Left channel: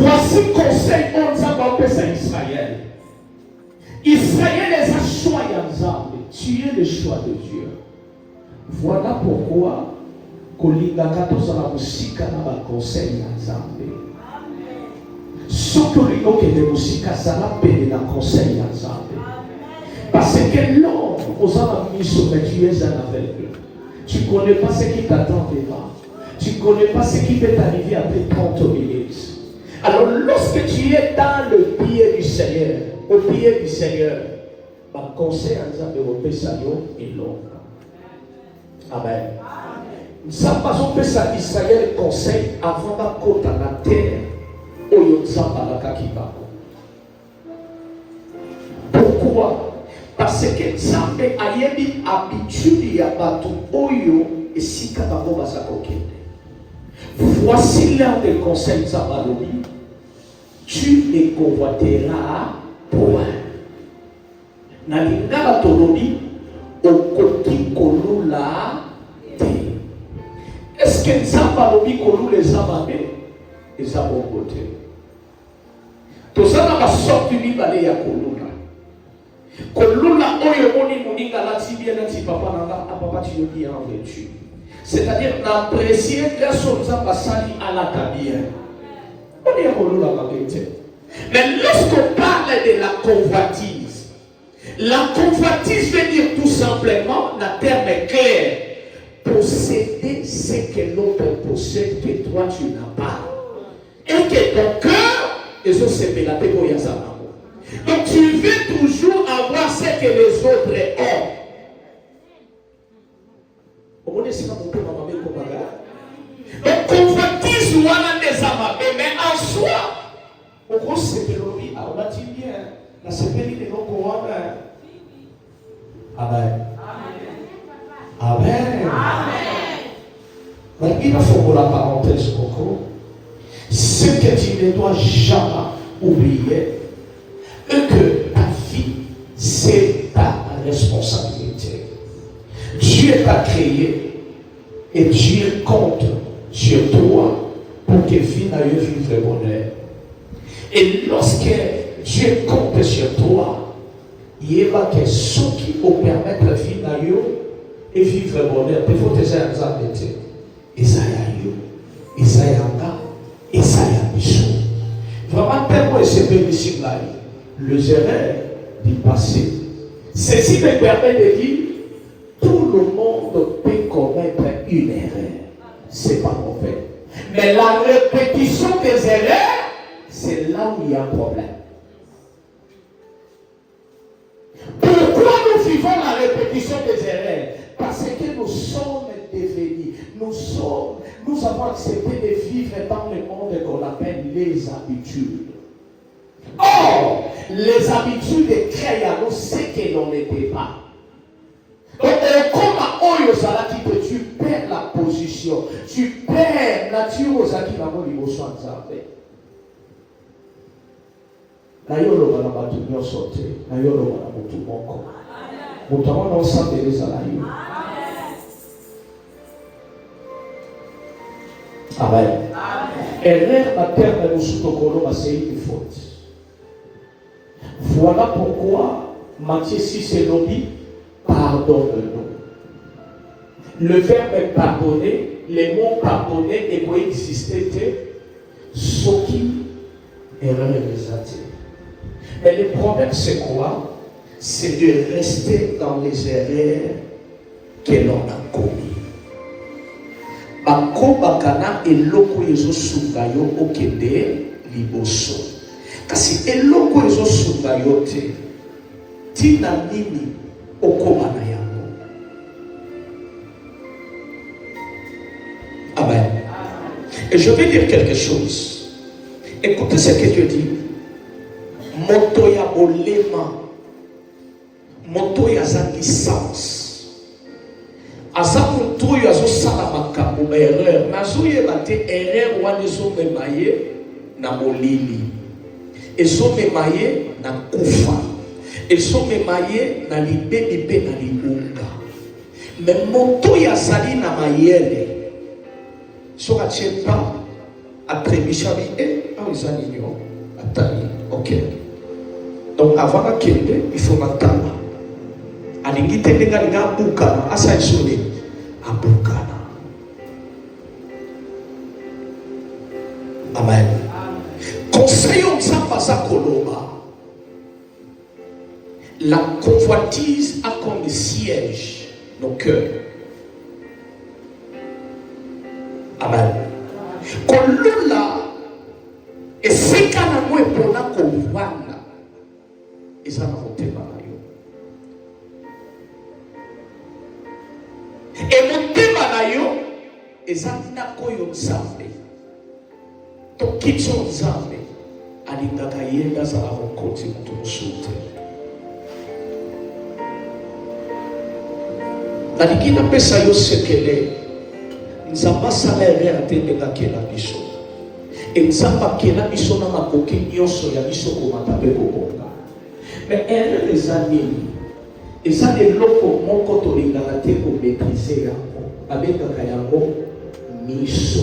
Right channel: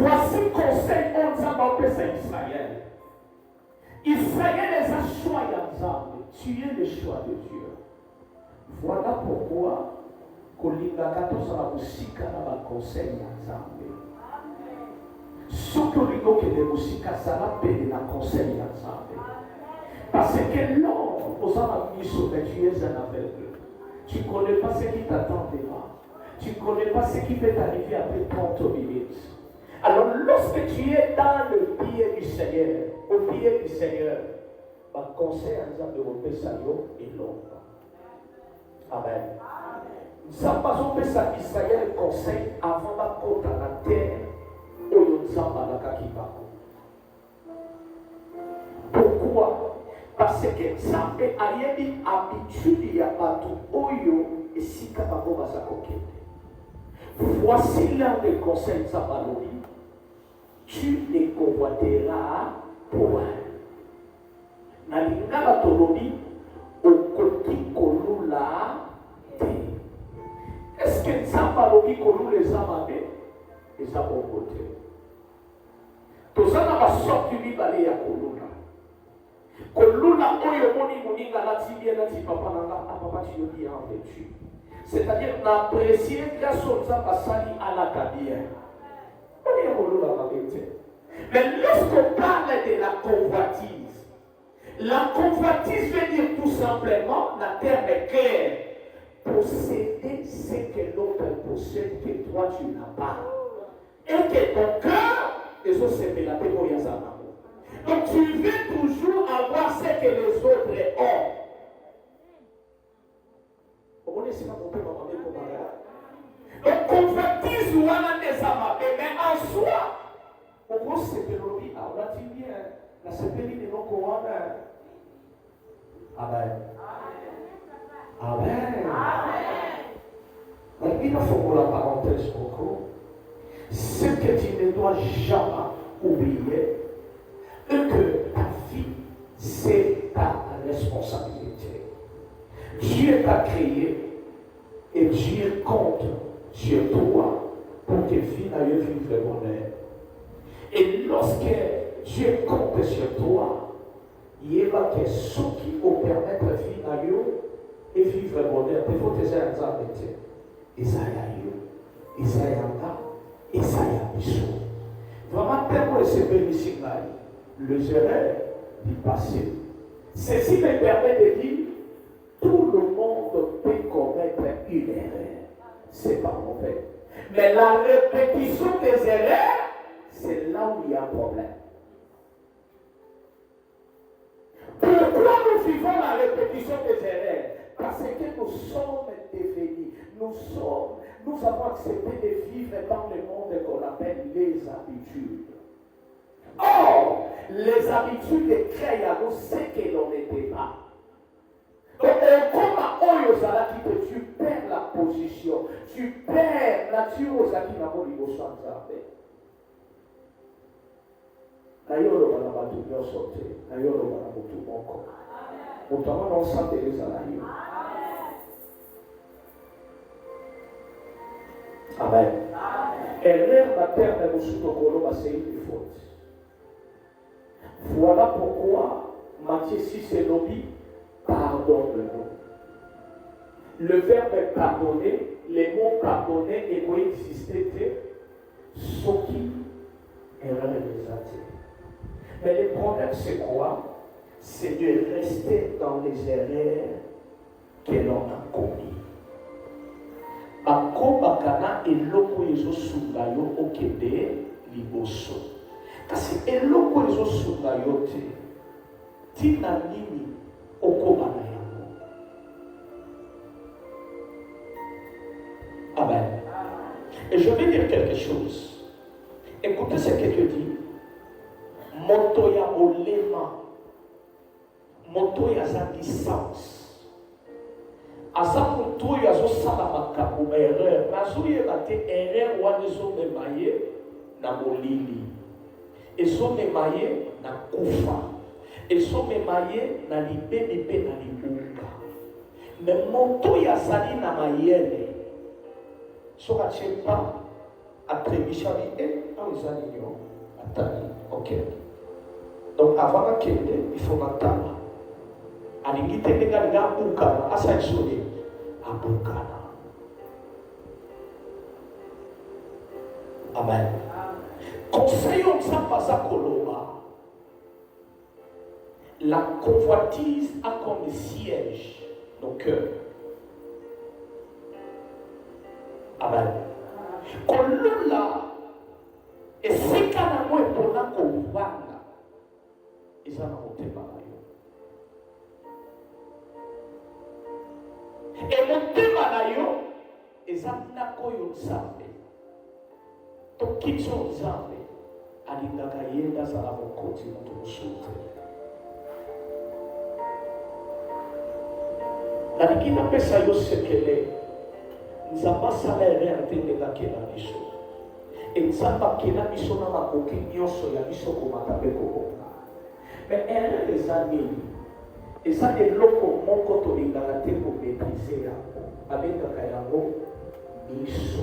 Voici conseil on Nzamba pesa Israël. Israël les a choisi ensemble. Tu es le choix de Dieu. Voilà pourquoi kolinga katoza na musika na ba conseil ya Nzambe. Soki olingo kende musika zala pene na conseil ya Nzambe. Parce que l'homme aux miso mais tu es un aveugle. Tu ne connais pas ce qui t'attend devant. Tu ne connais pas ce qui peut t'arriver après 30 minutes. Alors lorsque tu es dans le pied du Seigneur, au pied du Seigneur, ma conseil à Nzambe Ropesayo est long. Amen. Nous avons pas ça Israël conseil avant d'être dans la terre où nous avons la Kakibako. Pourquoi? Parce que Nzambe a une habitude ya batu oyo et si kabango basakokende. Voici l'un des conseils Nzambe. Tu ne convoiteras point. Nalingala tolobi okoki kolula te. Est-ce que Nzambe alobi kolula ezaba be? Ezaba okote. Tozana basorti mibale ya kolula. Kolula oyo moni moninga lati bien lati papa nanga papa tu dis en vertu. C'est-à-dire n'apprécier que son Nzambe sali à la tabia. On est kolula la vérité. Mais lorsqu'on parle de la convoitise veut dire tout simplement, la terme est claire, posséder ce que l'autre possède que toi tu n'as pas. Et que ton cœur, et ça c'est pélaté pour Yazama. Donc tu veux toujours avoir ce que les autres ont. Vous connaissez pas mon père, ma mère, comme ça. Donc convoitise ou à des amabés, mais en soi, on croit que c'est pélobi, on va dire bien, la sepélie de nos couronnes. Amen. Amen. Donc il faut la parenthèse Coco. Ce que tu ne dois jamais oublier est que ta vie, c'est ta responsabilité. Dieu t'a créé et Dieu compte sur toi pour que vie n'aille vivre bonheur. Et lorsque Dieu compte sur toi, il va que ce qui peut permettre la vie d'ailleurs et vivre bonheur. Il faut que tu aies un exemple. Isaïa Michou. Vraiment, tellement c'est bénéfique là. Les erreurs du passé. Ceci me permet de dire tout le monde peut commettre une erreur. C'est pas mauvais. Mais la répétition des erreurs, c'est là où il y a un problème. Pourquoi nous vivons la répétition des erreurs? Parce que nous sommes devenus, nous avons accepté de vivre dans le monde qu'on appelle les habitudes. Or, les habitudes créent à nous ce que l'on n'était pas. Donc, comme à Oyosala qui que tu perds la position, tu perds la nature aux acquis d'avoir les besoins de Zambé. D'ailleurs, on va la sauter. D'ailleurs, on va la tout mon corps. Nous avons ensemble les alaïs. Amen. Erreur materne nous soutokolo c'est une faute. Voilà pourquoi Matthieu 6 et Nobi pardonne-nous. Le verbe pardonner, les mots pardonner et coexister, ce qui erreur les attire. Mais le problème c'est quoi? C'est de rester dans les erreurs que l'on a commises. Bakobakana eloko ezosunga yo okende liboso. Kasi eloko ezosunga yo te. Tina nini okoma na yango. Amen. Et je vais dire quelque chose. Écoutez ce que Dieu dit. Moto ya olema. Moto ya za licence. Azamu tuyo azosala makambo erreur. Nazoye bate erreur wana ezomemaye na molili. Ezomemaye na kufa. Ezomemaye na libe na liunga. Mais moto ya zali na mayele. Soka tchepa atrebichabi Ah, ils ont dit, attends, ok. Donc avant la kende, il faut m'attendre. Alingi tendenga nga bukana, asa isone, abukana. Amen. Conseil on s'en koloba. La convoitise a comme siège nos cœurs. Amen. Kolula et c'est quand on est pour la convoitise. Ils ont voté par yo. Et mon thème na yo, ils ont na koyo nzambe. To kitso nzambe, alingaka yenda za avokoti mutu musute. Nalikina pesa yo sekele, nzamba salaire atendeka kela biso. Et nzamba kela biso na makoki nyonso ya biso komata pe kobonga. Mais erreur les années, et ça des locaux, mon côté l'ingalaté pour maîtriser avec un kayango miso.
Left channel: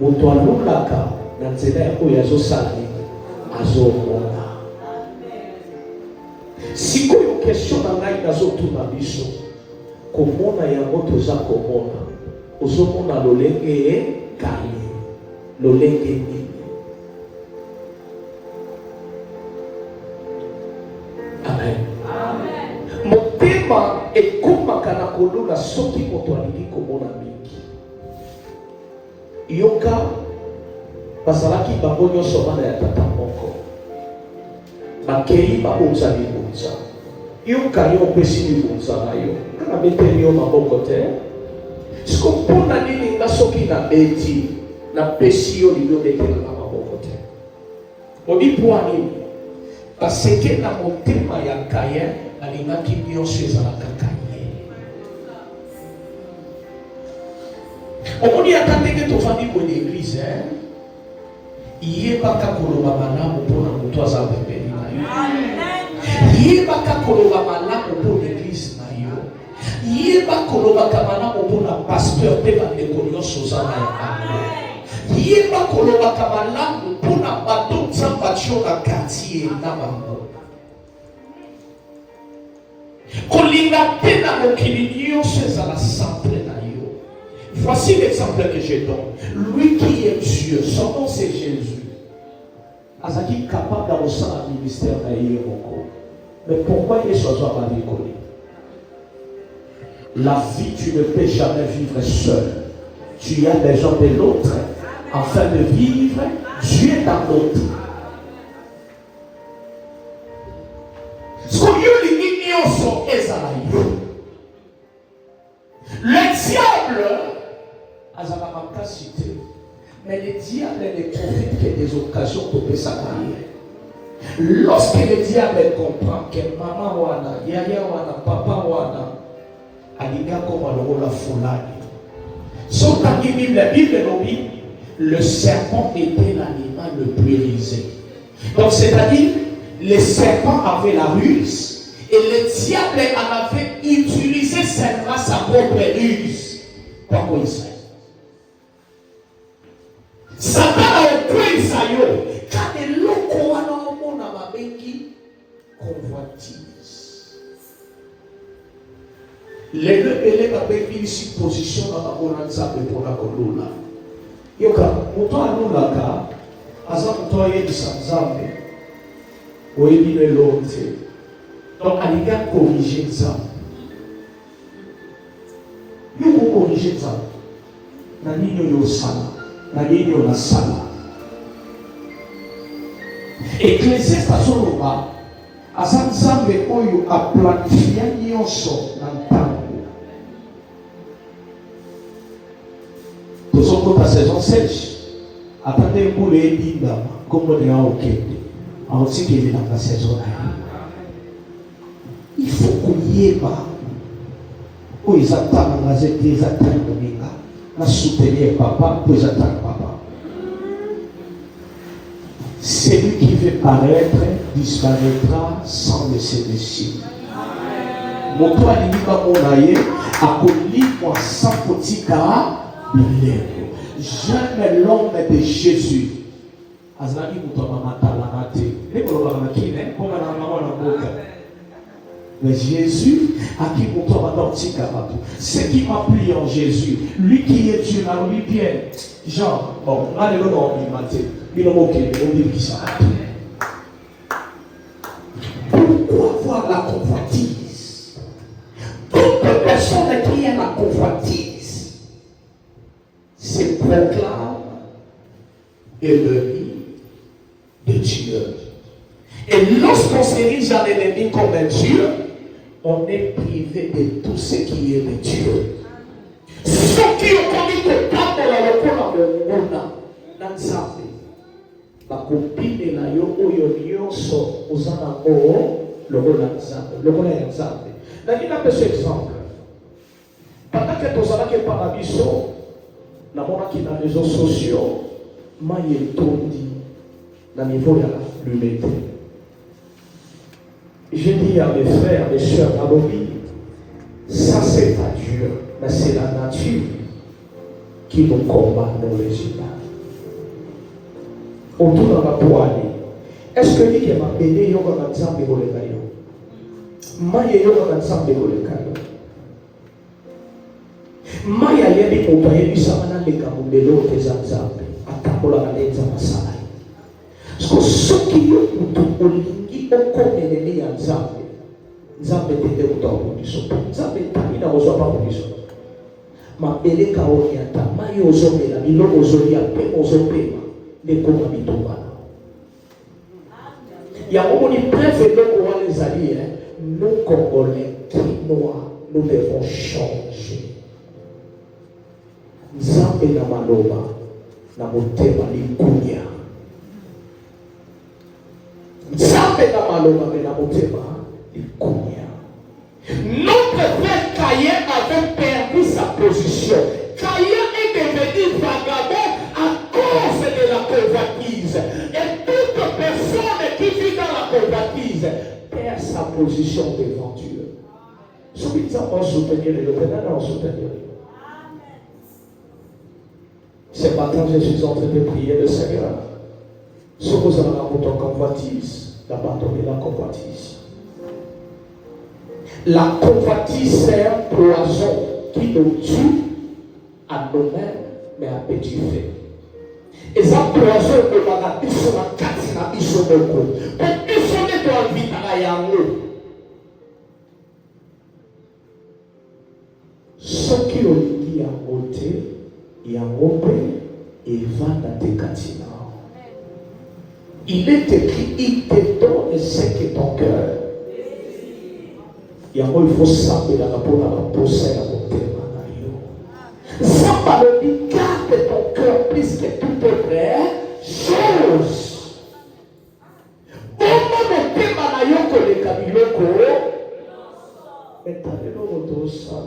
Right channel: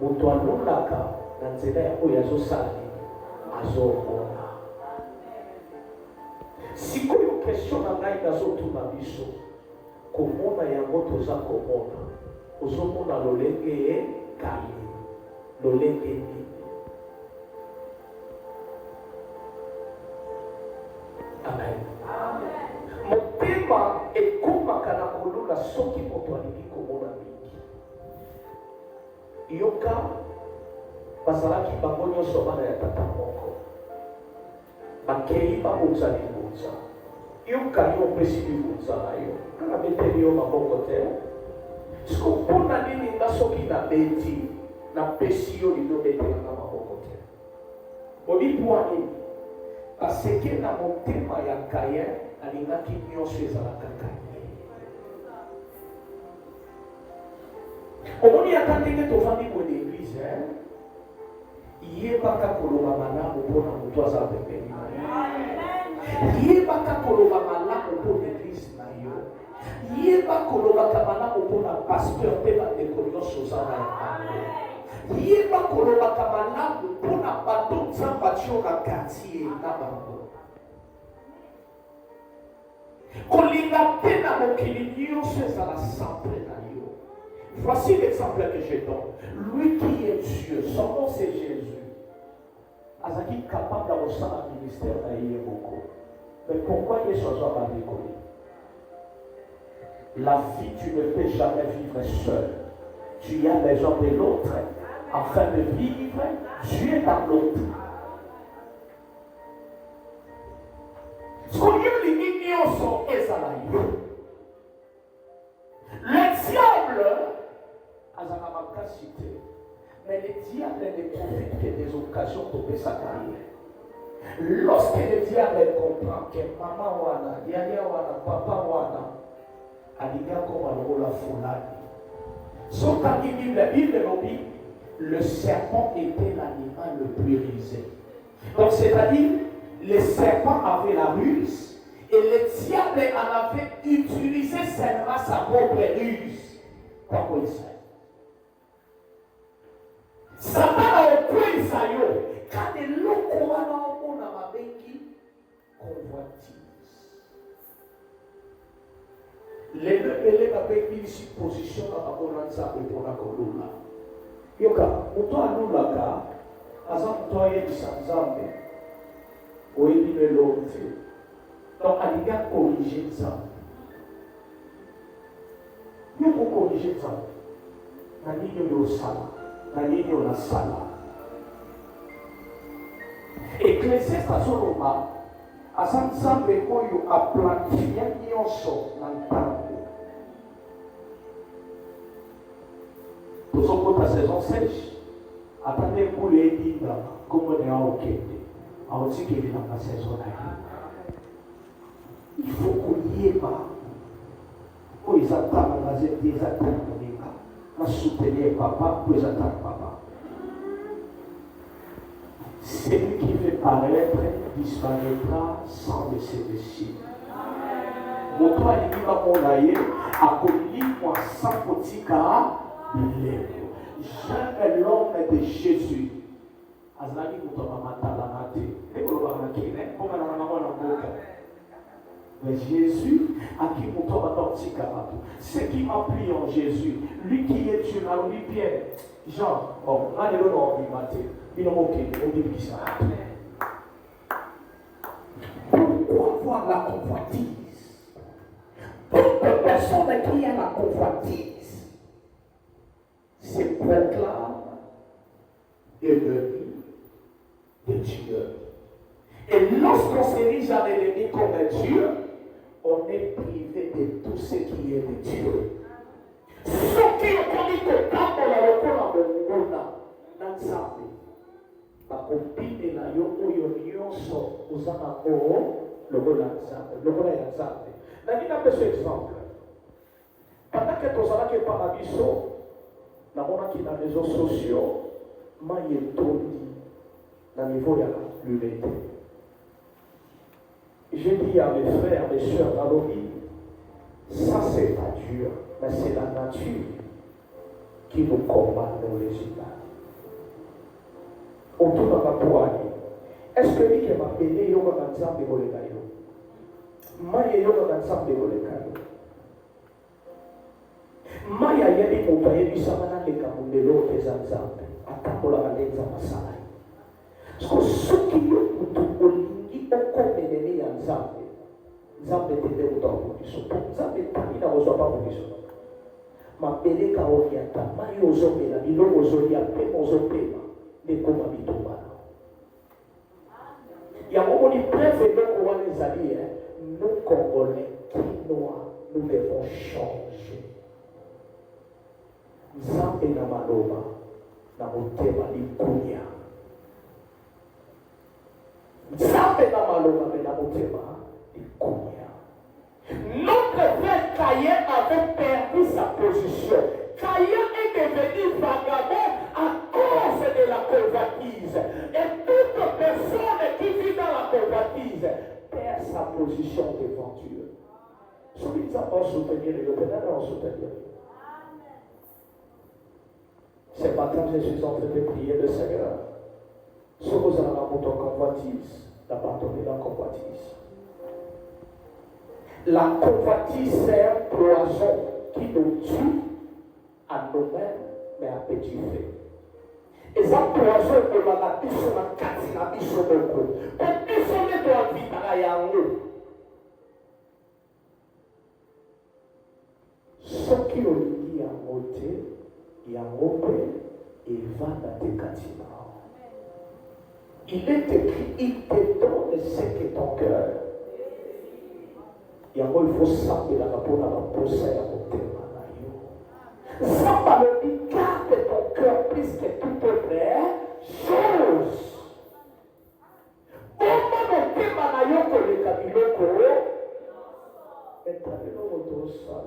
Moto alulaka na nzela yako yazo sali azomona. Sikoyo question na ngai nazotuna biso. Komona yango toza komona. Ozomona lolenge kali. Lolenge nini. Amen. Motema ekomaka na kolula soki moto alingi komona mingi. Yoka bazalaki bango nyonso bana ya tata moko. Bakei babunza libunza. Yoka yo opesi libunza na yo. Kana beteli yo maboko te. Siko mpona nini nga soki na beti na pesi yo libyo betela na maboko te. Odipo nini? Parce que dans mon thème il y a Caïn, il y a qui ont chez la cacagne. On dit à quand que ton famille pour l'église, il y a pas qu'à koloba mana pour na toi ça bébé na yo. Il y a pas qu'à koloba mana pour l'église na yo. Il y a pas koloba mana pour na pasteur pe ba de konyo sozana ya. Il y a pas koloba mana pour na bateau Sambachio na quartier na bango. Kolinga pena mokili nyonso ezala centre na yo. Voici l'exemple que je donne. Lui qui est Dieu, son nom c'est Jésus. Azaki capable d'avancer dans le ministère na yo moko. Mais pourquoi il est choisi à la vie? La vie, tu ne peux jamais vivre seul. Tu as besoin de l'autre. Afin de vivre, Dieu est dans l'autre. Le diable a sa capacité, mais le diable ne profite que des occasions pour que ça aille. Lorsque le diable comprend que maman wana, yaya wana, papa wana, aliga comme alors la foulade. Sauf que la Bible nous dit, le serpent était l'animal le plus rusé. Donc c'est-à-dire, le serpent avait la ruse. Et le diable en avait utilisé seulement sa propre ruse. Pourquoi Israël? Satan a pris Israël. Quand les locaux ont convoitise. Les deux bébés ont une supposition dans la bonanza pour la colonna. Yoka, muto alulaka, asa muto aye disanzambe, oyebi ne lonte. Donc, il a corrigé ça. Il faut corriger ça. Nani yo sala, nani yo na sala. Ecclésiaste azoloba, asa nzambe oyo aplatifia nyonso na ntango. Tozokota saison sèche. Attendez pour les libres, comme on est en okende. En aussi qu'il est dans la saison. Il faut qu'on y ait pas. Où ils attendent la zété, ils attendent le méga. La soutenir papa, pour ils attendent papa. Celui qui veut paraître disparaîtra sans laisser de signe. Mon toit n'est pas mon aïe, à moi sans petit cas, jamais l'homme de Jésus azali muto matala te ekoloba makine ponga na mwana boka. Mais Jésus a qui pour toi ce qui m'a plu en Jésus, lui qui est Dieu, alors lui Pierre, Jean, bon, là le nom il m'a dit, il a moqué, il a dit ça. Pourquoi avoir la convoitise? Toute personne qui a la convoitise se proclame ennemi de Dieu. Et lorsqu'on s'érige en ennemi comme un Dieu, on est privé de tout ce qui est de Dieu. Ceux qui ont commis le temps de la locale de Mona, dans sa vie, la copine de la yo, nyonso, aux anamos, le rôle d'ensemble. Le rôle d'ensemble. N'a-t-il pas ce exemple? Pendant que tu as fait par la biso, dans les réseaux sociaux, je suis tombé dans le niveau de l'humanité. J'ai dit à mes frères, mes soeurs, à l'obéi, ça c'est pas Dieu, mais c'est la nature qui nous combat nos résultats. Autour de la poignée, est-ce que dit que ma béné yoga va s'emmener pour les cailloux? Maya yoga va s'emmener pour les cailloux. Maya yebi mopaye bi samana leka mubelo tezanzambe atakola balenza masai. Parce que ce qui est pour olingi okomelele ya nzambe nzambe tende utawo biso nzambe tamina ozwa pa biso mabele ka oni ata mai ozomela biloko ozolia pe ozopema ndekoma bitumba ya omoni preuve donc wana ezali nous Congolais Quinois nous devons changer nzambe na maloba na motema likunya nzambe na maloba na motema likunya. Notre frère Caïn avait perdu sa position. Caïn est devenu vagabond à cause de la convoitise. Et toute personne qui vit dans la convoitise perd sa position devant Dieu. Celui qui va soutenir le Ténèbre, soutenir. Ce matin, je suis en train de prier le Seigneur. Si vous avez la convoitise, d'abandonner la convoitise. La convoitise, c'est un poison qui nous tue à nous-mêmes, mais à petit feu. Et ça poison de la vie sur la carte, la vie sur le coup. Pour que ce n'est pas vite à la yango. Ce qui ont dit à monter, et à romper, et vendre à tes catina. Il est écrit, il te donne ce qui est ton cœur. Il faut savoir la poser à mon thème. Ça va le dire, garde ton cœur plus que toute vraie chose. Au nom de thème à yoko le kabiloko, mais t'as le nom de ça.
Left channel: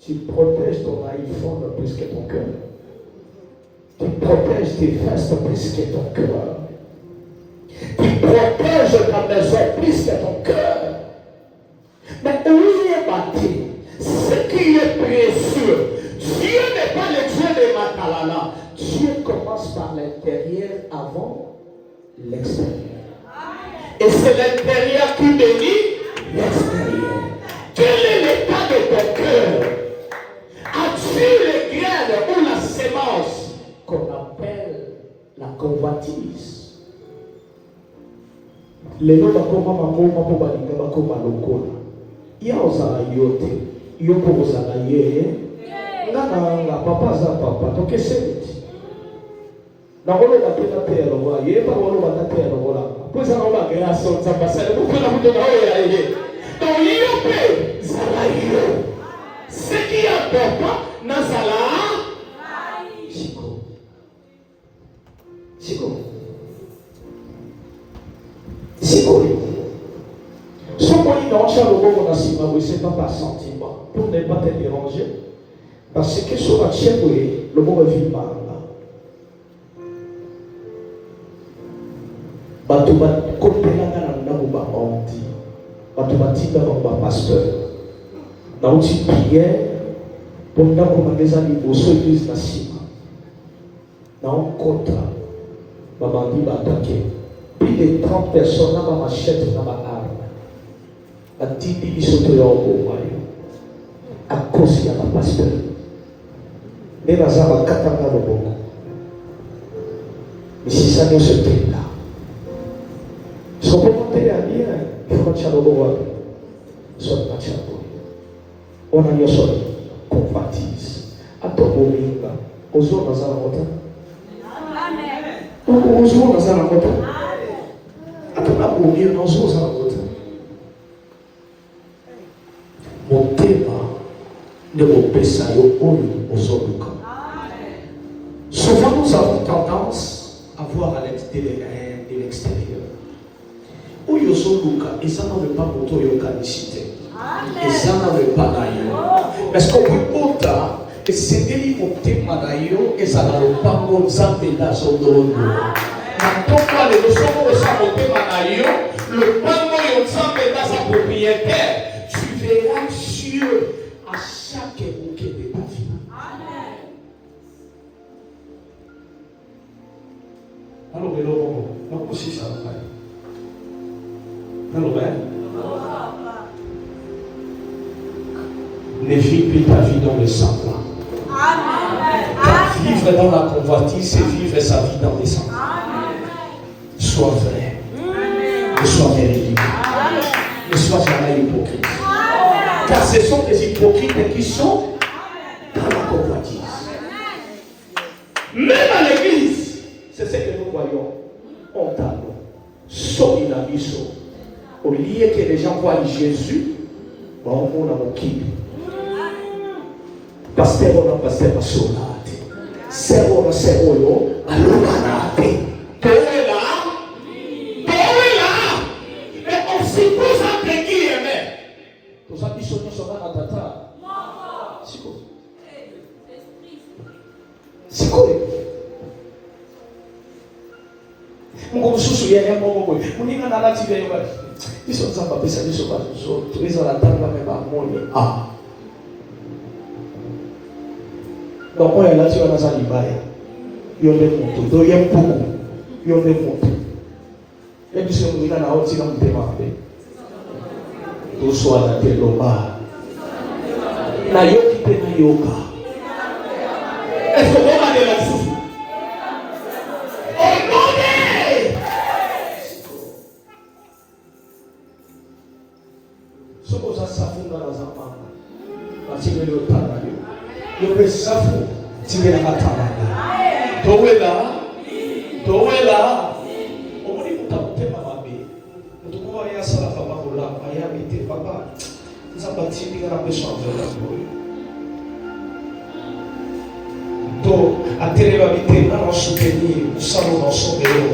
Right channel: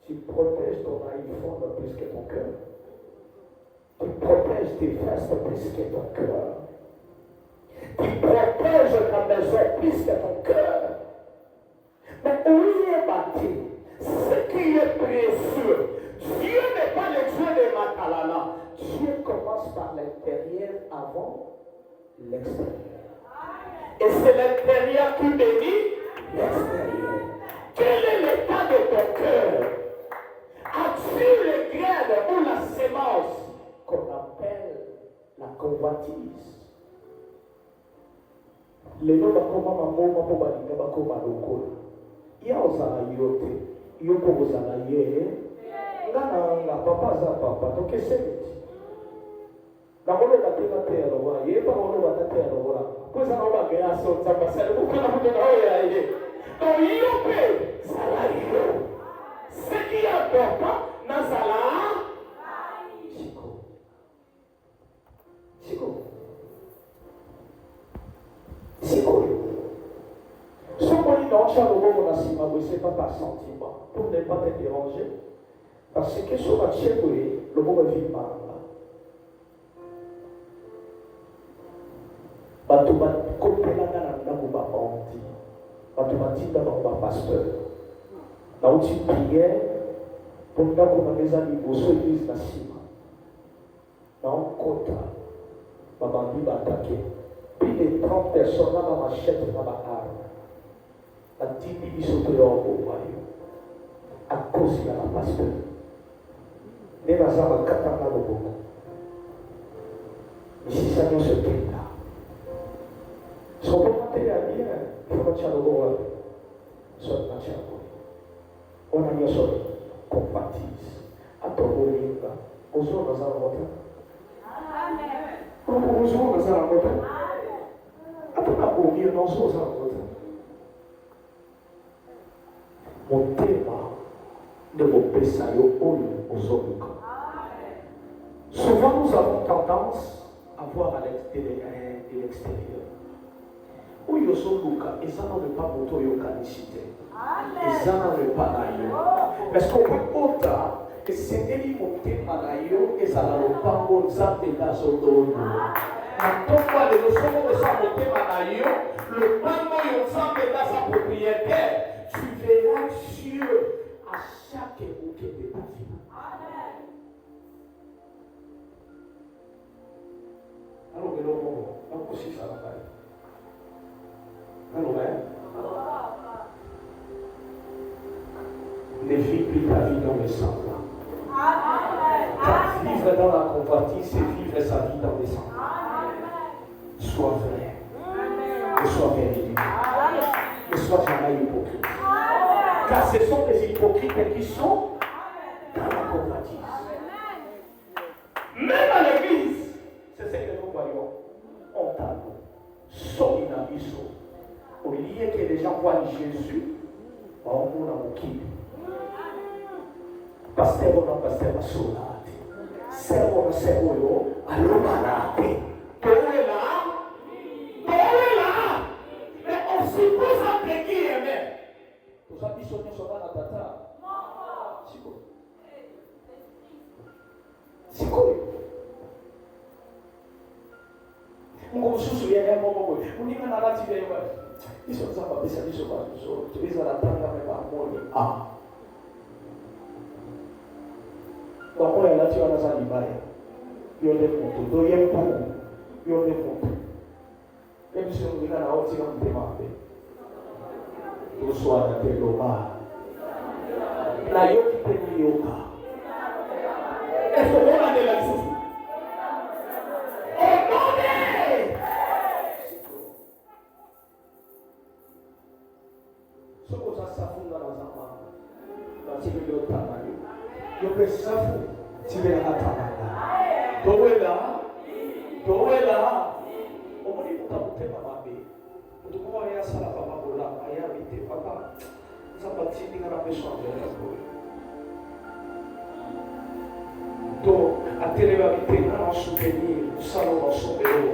Tu protèges ton iPhone plus que ton cœur. Tu protèges tes fesses plus que ton cœur. Tu protèges ta maison plus que ton cœur. Mais où est bâti? Ce qui est précieux. Dieu n'est pas le Dieu de Matalala. Dieu commence par l'intérieur avant l'extérieur. Et c'est l'intérieur qui bénit l'extérieur. Quel est l'état de ton cœur? As-tu les graines ou la sémence qu'on appelle la convoitise? Les noms d'Akoma Mamoma pour Balinga Bakoma Lokola. Il y a Ozara Yote, Yoko Ozara Ye, Nana, papa za papa, donc c'est Nakolo batela tero wa ye pa wolo batatero wala. Pois a roba que a son za passer, vous pouvez la mundo na ye. Donc yope zala yo. Ce qui est important na zala Chico. Chico. Chico. Ce qu'on dit dans le mot Nassima, oui, c'est pas par sentiment, pour ne pas te déranger. Parce que sur la chaîne, le mot est vivant. Batouba kopela na ndabu ba onti. Batouba tinda ba pasteur. Na uti prière pour ndabu mageza liboso église na sima. Na on contra. Maman dit attaqué. Plus de 30 personnes dans ma machette, dans ma arme. A dit qu'ils sont au à cause de la pasteur. Mais la zara katanga le boko. Mais si ça nous se fait là, son commentaire à dire, il faut que tu aies le bon soit naturel. On a eu son convoitise. À ton bolinga, aux autres dans la montagne. Amen. Aux autres dans la montagne. À ton abolir dans aux autres dans la montagne. Mon thème de mon pessayo aux autres. Souvent nous avons tendance à voir à l'extérieur. Où il y a ce luka, et ça n'en pas pour toi, il y a canicité. Et ça n'en pas d'ailleurs. Parce qu'on peut pas, et c'est des mots thème d'ailleurs, et ça n'en pas pour ça, mais dans son dos. Quand on parle de son mot, ça mon thème d'ailleurs, le panneau, il y a ça, mais dans sa propriétaire, tu verras Dieu à chaque bouquet de ta vie. Alors, mais là, on aussi ça va faire. Alors, ne vis plus ta vie dans le semblant. Vivre dans la convoitise, c'est vivre sa vie dans les semblants. Sois vrai. Ne sois véridique. Ne sois jamais hypocrite. Car ce sont des hypocrites qui sont dans la convoitise. Même à l'église, c'est ce que nous voyons. On t'a Sominabiso. Au lieu que les gens voient Jésus, on a mon qui. Pasteur, on a pasteur, c'est on a c'est on a l'humanité. Tu es là? Tu es là? Mais on suppose un qui aimait. Pour ça, ils sont dans la tata. C'est quoi? C'est quoi? Mon souci, il y a un moment où on est dans la nature. Ils sont dans la paix, ils sont pas tous autres. Ils ont la table, mais pas mon ah. Donc, on est là, tu vas dans un libaya. Il y a des motos, il y a beaucoup. Il y a des motos. Et puis, si on est dans la haute, c'est dans le démarré. Tout soit la tête au bas. La yoki te na yoka. Est-ce qu'on va aller là-dessus? Safu tigera matamanga towela omuli mutakutema mabe mutukuwa ya sala papa bola aya bite papa nzabati ndingara beshanze to atereba bite na soutenir usalo dans son bélo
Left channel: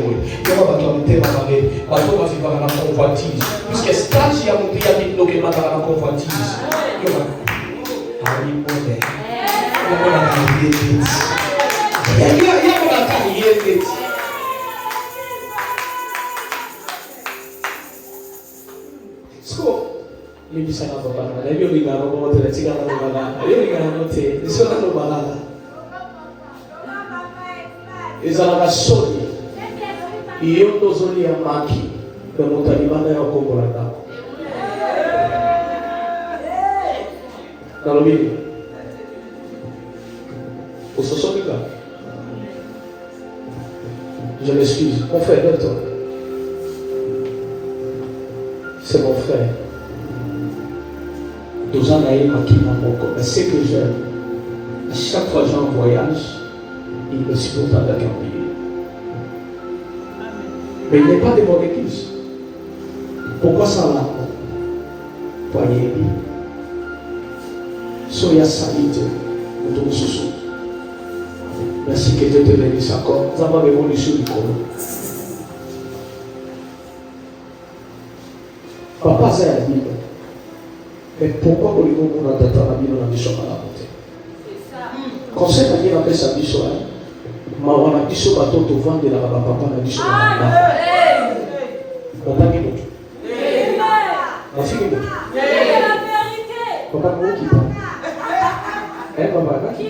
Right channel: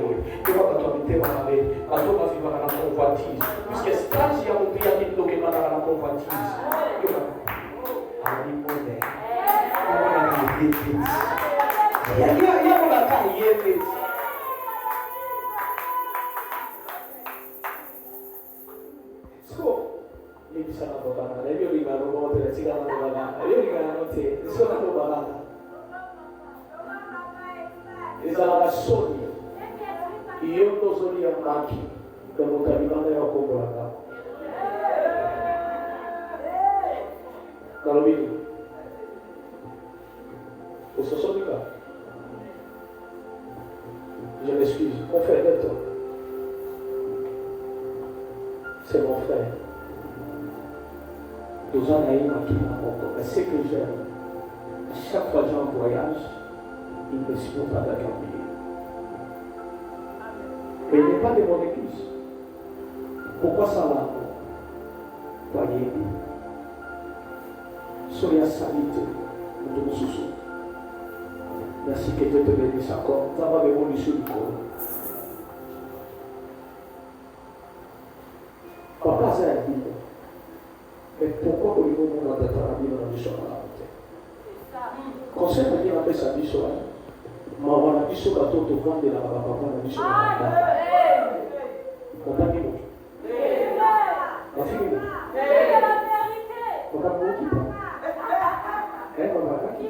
yo ba to bite mabe ba to ba vivre na convoitise puisque stage ya monter ya bite que manda na convoitise yo ba ali mode je m'excuse, mon frère, lève-toi. C'est mon frère. Mais c'est que j'aime. À chaque fois que j'ai un voyage, il me supporte avec un billet. Mais il n'est pas de mon église. Pourquoi ça là? Voyez, soyez salite pour tout ce. Merci que Dieu te bénisse encore. Nous avons l'évolution du commun. Papa, c'est la Bible. Mais pourquoi pour le moment on a la Bible dans la mission à la montée? Conseil à dire après sa mission, ma wana mission bateau te vendre la papa na mission à la papa qui monte. Ma fille monte. Papa qui monte. Papa qui.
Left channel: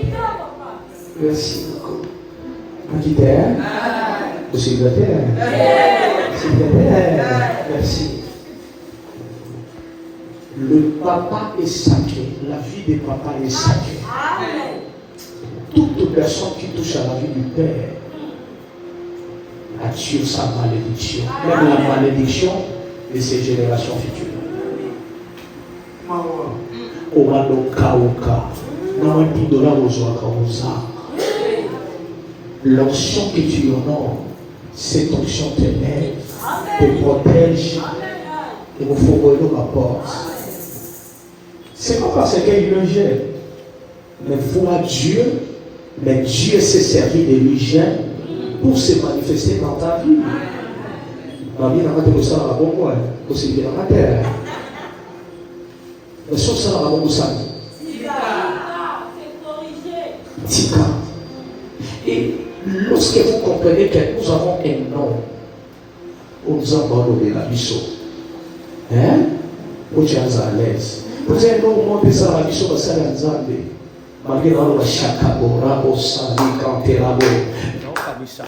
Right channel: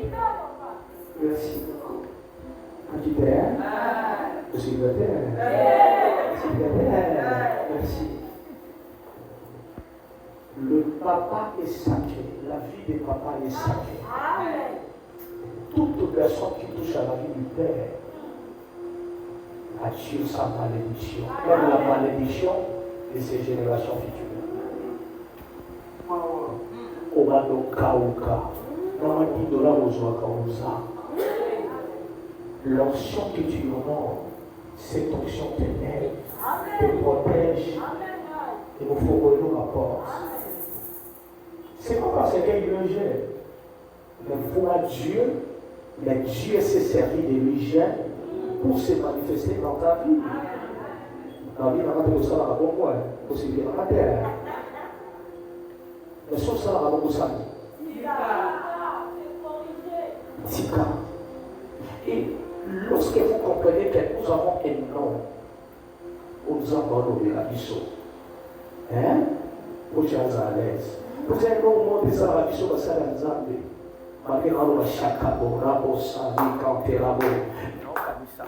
Merci beaucoup. Aqui der. Célibataire. Célibataire. Merci. Le papa est sacré. La vie des papas est sacrée. Toute personne qui touche à la vie du père attire sa malédiction. Même la malédiction de ses générations futures. L'onction que tu honores, cette onction te lève, te protège et vous faut ouvrir ma porte. C'est pas parce qu'il le gêne, mais vois Dieu, mais Dieu s'est servi de lui gêne pour se manifester dans ta vie. Ma vie n'a pas été ça à bon point, aussi bien dans la terre. Mais sur ça, on va ça. Tika. Et lorsque vous comprenez que nous avons un nom, nous avons donné la mission. Hein? Vous êtes à l'aise. Vous avez un nom de ça, la mission, parce que c'est un Zambé. Malgré la chaka, bravo, sali, canterabo. Non, pas ça.